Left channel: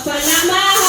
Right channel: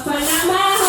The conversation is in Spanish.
por.